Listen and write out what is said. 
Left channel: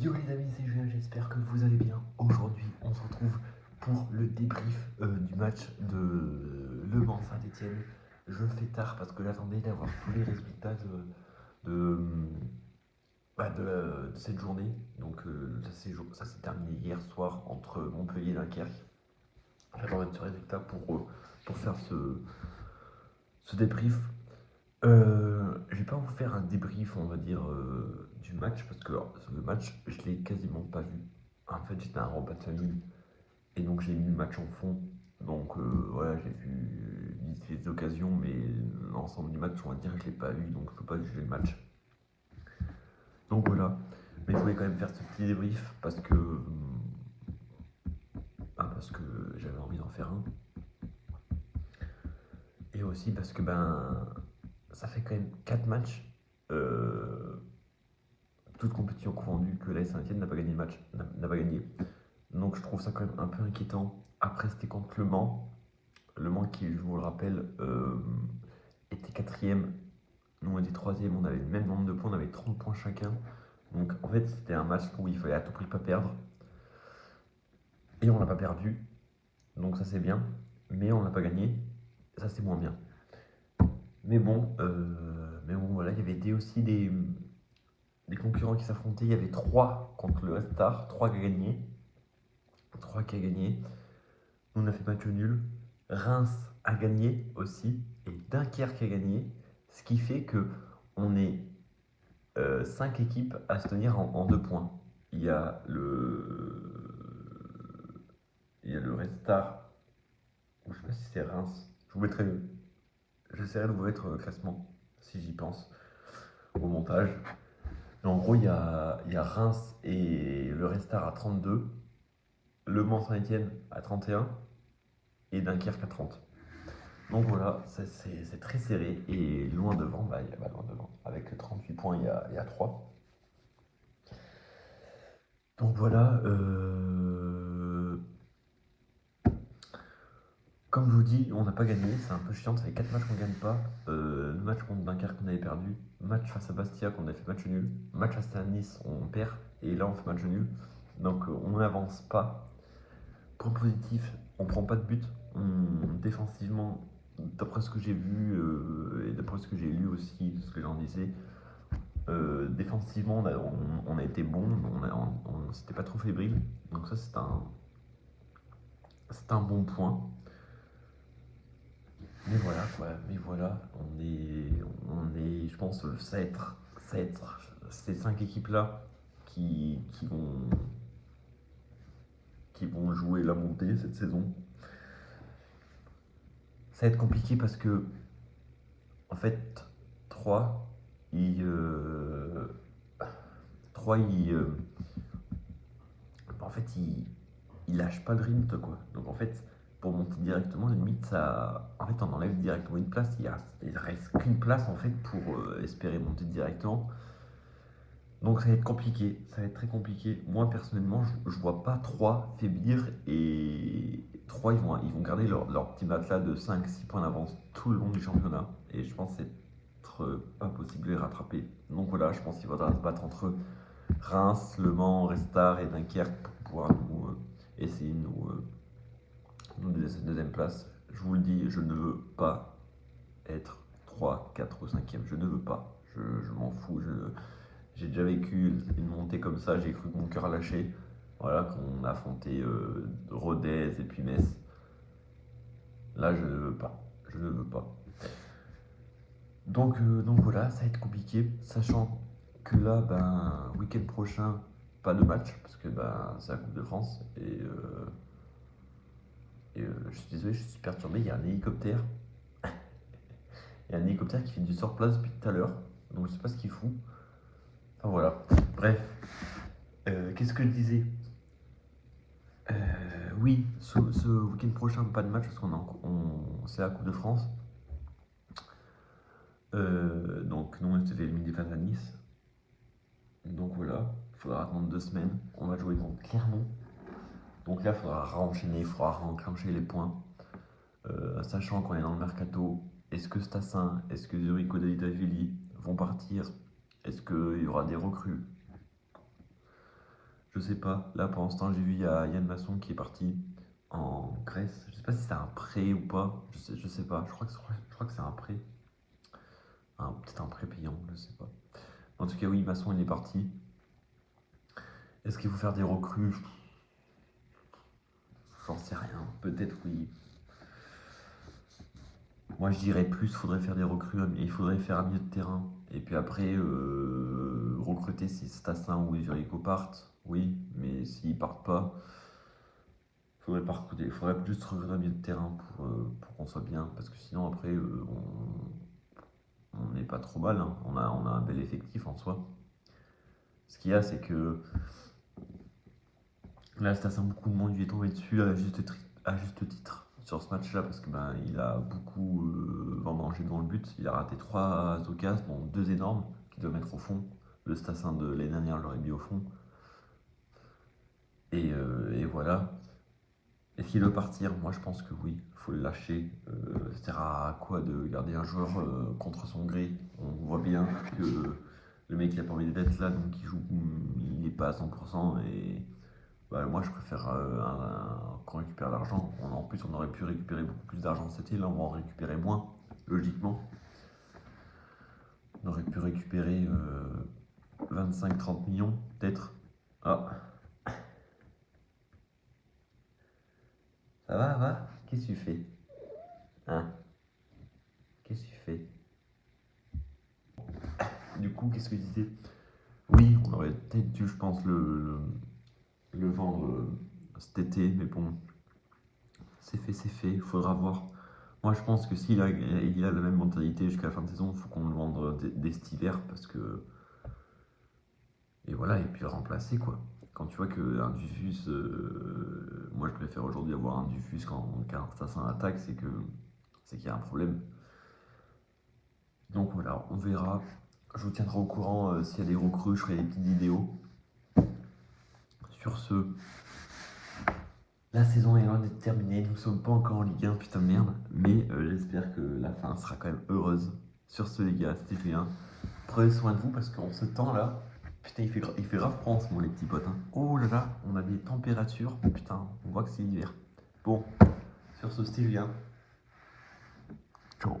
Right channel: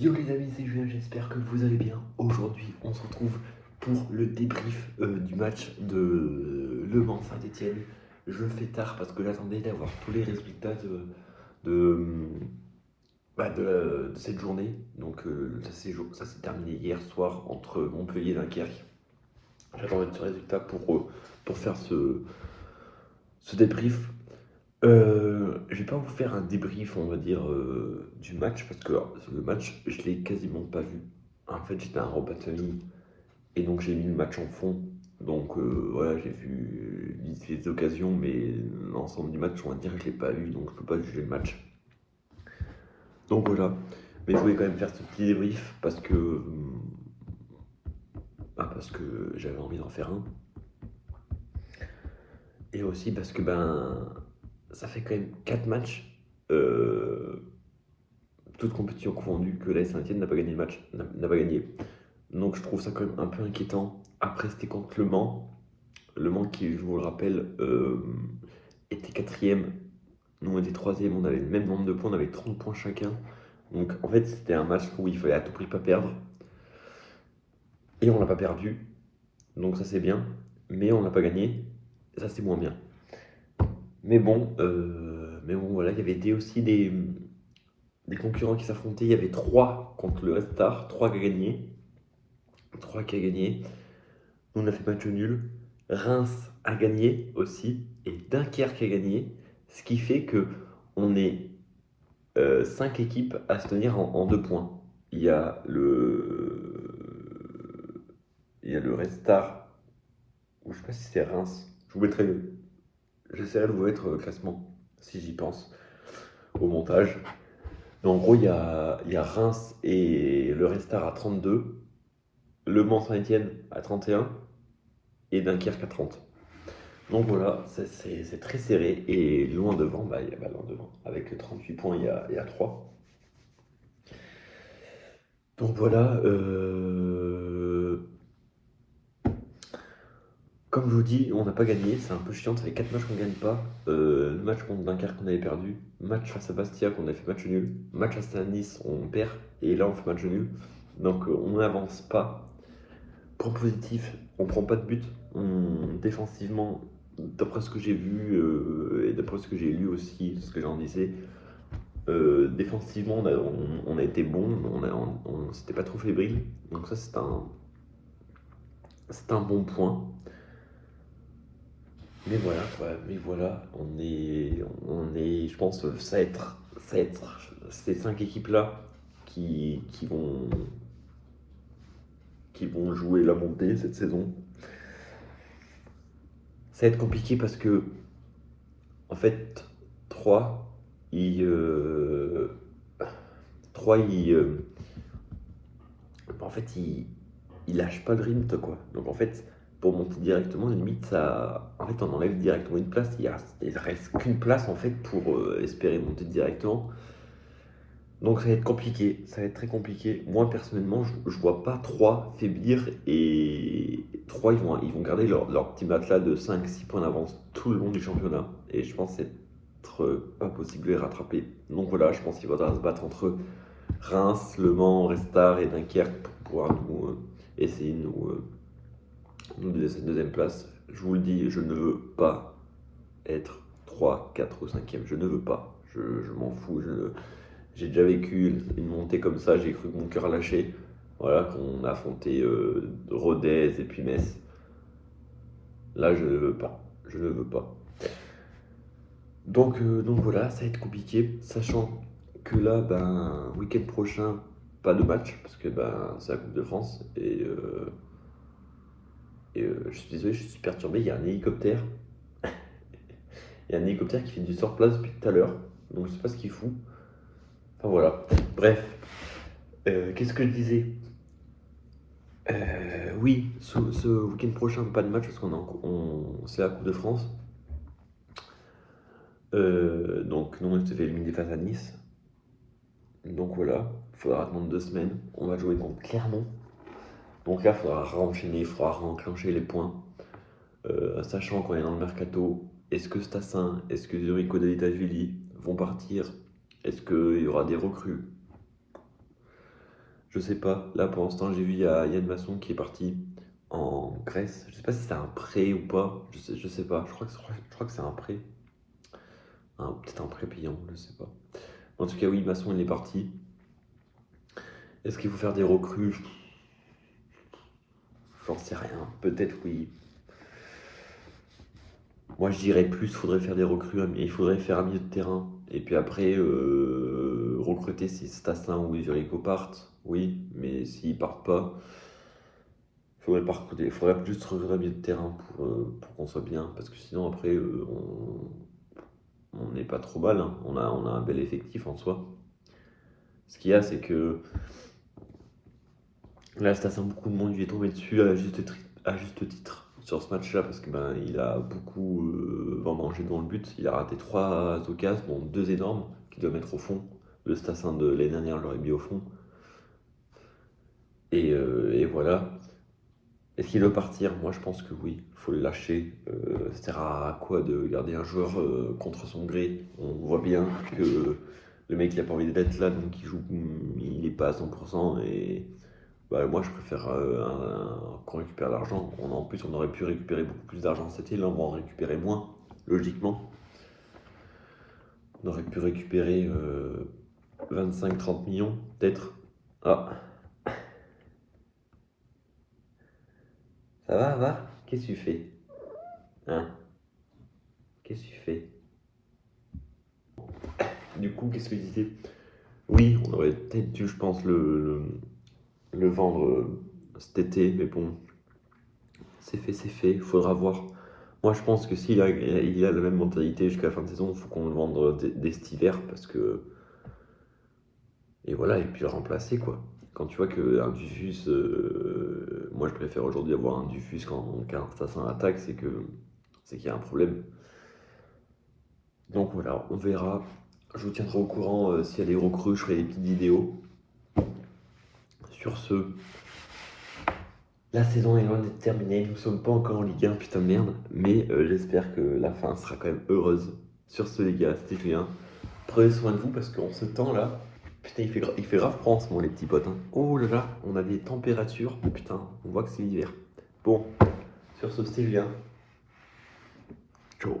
Yo les amis, c'est Julien, j'espère que vous allez bien. Aujourd'hui, on se retrouve pour le débrief du match de Le Mans Saint-Etienne. Je le fais tard parce que j'attendais d'avoir tous les résultats de, de cette journée. Donc ça s'est terminé hier soir entre Montpellier et Dunkerque. J'attendais ce résultat pour faire ce débrief. Je vais pas vous faire un débrief, on va dire, du match, parce que le match, je l'ai quasiment pas vu. En fait, j'étais à un repas de famille, et donc j'ai mis le match en fond. Donc voilà, j'ai vu vite fait des occasions, mais l'ensemble du match, on va dire, je l'ai pas vu, donc je peux pas juger le match. Donc voilà, mais je voulais quand même faire ce petit débrief, parce que j'avais envie d'en faire un. Et aussi parce que ça fait quand même 4 matchs. Toutes compétitions confondues, que l'AS Saint-Etienne n'a pas gagné le match, n'a pas gagné. Donc je trouve ça quand même un peu inquiétant. Après, c'était contre Le Mans. Le Mans qui, je vous le rappelle, était quatrième. Nous, on était troisième, on avait le même nombre de points, on avait 30 points chacun. Donc en fait, c'était un match où il fallait à tout prix pas perdre. Et on l'a pas perdu. Donc ça, c'est bien. Mais on l'a pas gagné. Ça, c'est moins bien. Mais bon, voilà, il y avait aussi des concurrents qui s'affrontaient. Il y avait 3 contre le Red Star, 3 qui a gagné. 3 qui a gagné. Nous, on a fait match nul. Reims a gagné aussi. Et Dunkerque a gagné. Ce qui fait que on est 5 équipes à se tenir en 2 points. Il y a le Red Star, ou je sais pas si c'est Reims. Je vous mettrai j'essaierai de vous mettre le classement, si j'y pense, au montage. Mais en gros, il y a Reims et le Red Star à 32, Le Mans Saint-Etienne à 31 et Dunkerque à 30. Donc voilà, c'est très serré. Et loin devant, loin devant. Avec 38 points, il y a 3. Donc voilà, comme je vous dis, on n'a pas gagné. C'est un peu chiant. Ça fait 4 matchs qu'on ne gagne pas. Le match contre Dunkerque qu'on avait perdu. Match face à Bastia qu'on a fait match nul. Match face à Nice, on perd. Et là, on fait match nul. Donc on n'avance pas. Point positif, on prend pas de but. Défensivement, d'après ce que j'ai vu et d'après ce que j'ai lu aussi, ce que j'en disais, défensivement, on a été bon, c'était pas trop fébrile. Donc ça, c'est un bon point. Mais voilà, quoi, je pense, ça va être ces 5 équipes-là qui vont jouer la montée cette saison. Ça va être compliqué parce que, en fait, 3, ils, 3, en fait, ils lâchent pas le rythme, quoi. Donc en fait, pour monter directement, limite, en fait, on enlève directement une place. Il reste qu'une place en fait pour espérer monter directement. Donc ça va être compliqué, ça va être très compliqué. Moi personnellement, je vois pas 3 faiblir et 3 ils vont garder leur petit matelas de 5-6 points d'avance tout le long du championnat. Et je pense être pas possible de les rattraper. Donc voilà, je pense qu'il faudra se battre entre Reims, Le Mans, Restart et Dunkerque pour pouvoir essayer de nous donner cette deuxième place. Je vous le dis, je ne veux pas être 3, 4 ou 5e. Je ne veux pas. Je m'en fous. J'ai déjà vécu une montée comme ça, j'ai cru que mon cœur lâchait. Voilà, qu'on a affronté Rodez et puis Metz. Là, je ne veux pas. Je ne veux pas. Donc voilà, ça va être compliqué, sachant que là, week-end prochain, pas de match, parce que c'est la Coupe de France. Et je suis désolé, je suis perturbé, il y a un hélicoptère. Il y a un hélicoptère qui fait du sur-place depuis tout à l'heure. Donc je sais pas ce qu'il fout. Enfin voilà. Bref. Qu'est-ce que je disais? Oui, ce week-end prochain, pas de match parce c'est la Coupe de France. Donc, nous, on s'est fait éliminer face à Nice. Donc voilà, il faudra attendre 2 semaines. On va jouer contre Clermont. Donc là, il faudra renchaîner, il faudra enclencher les points. Sachant qu'on est dans le mercato, est-ce que Stassin, est-ce que Zurico Davitashvili vont partir? Est-ce qu'il y aura des recrues? Je sais pas. Là, pour l'instant, j'ai vu il y a Yann Masson qui est parti en Grèce. Je sais pas si c'est un prêt ou pas. Je sais pas. Je crois que c'est un prêt. Peut-être un prêt payant, je sais pas. En tout cas, oui, Masson, il est parti. Est-ce qu'il faut faire des recrues? J'en sais rien. Peut-être oui. Moi, je dirais plus, faudrait faire des recrues, mais il faudrait faire un milieu de terrain. Et puis après, recruter si Stassin ou Zurigo partent. Oui, mais s'ils partent pas, faudrait pas recruter. Faudrait juste recruter un milieu de terrain pour qu'on soit bien. Parce que sinon, après, on n'est pas trop mal, hein. On a un bel effectif en soi. Ce qu'il y a, c'est que là, Stassin, beaucoup de monde lui est tombé dessus à juste titre sur ce match-là parce que ben, il a beaucoup vendangé dans le but. Il a raté 3 occasions, bon, 2 énormes qu'il doit mettre au fond. Le Stassin de l'année dernière l'aurait mis au fond. Et voilà. Est-ce qu'il veut partir? Moi, je pense que oui. Il faut le lâcher. Ça sert à quoi de garder un joueur contre son gré? On voit bien que le mec, il a pas envie d'être là, donc il joue, il n'est pas à 100%. Et bah, moi, je préfère qu'on récupère l'argent. En plus, on aurait pu récupérer beaucoup plus d'argent cet été. Là, on va en récupérer moins, logiquement. On aurait pu récupérer 25-30 millions, peut-être. Ah, ça va? Qu'est-ce que tu fais? Hein? Qu'est-ce que tu fais? Du coup, qu'est-ce que tu disais? Oui, on aurait peut-être dû, je pense, le vendre cet été, mais bon, c'est fait, faudra voir. Moi, je pense que il a la même mentalité jusqu'à la fin de saison, il faut qu'on le vende dès cet hiver, parce que... Et voilà, et puis le remplacer, quoi. Quand tu vois qu'un Dufus... moi, je préfère aujourd'hui avoir un Dufus qu'un Assassin attaque, c'est qu'il y a un problème. Donc voilà, on verra. Je vous tiendrai au courant s'il y a des recrues, je ferai des petites vidéos. Sur ce, la saison est loin d'être terminée, nous ne sommes pas encore en Ligue 1, putain de merde, mais j'espère que la fin sera quand même heureuse. Sur ce les gars, c'était Julien. Prenez soin de vous parce qu'en ce temps là, putain il fait grave froid en ce moment les petits potes, hein. Oh là là, on a des températures, putain, on voit que c'est l'hiver. Bon, sur ce c'était Julien. Ciao.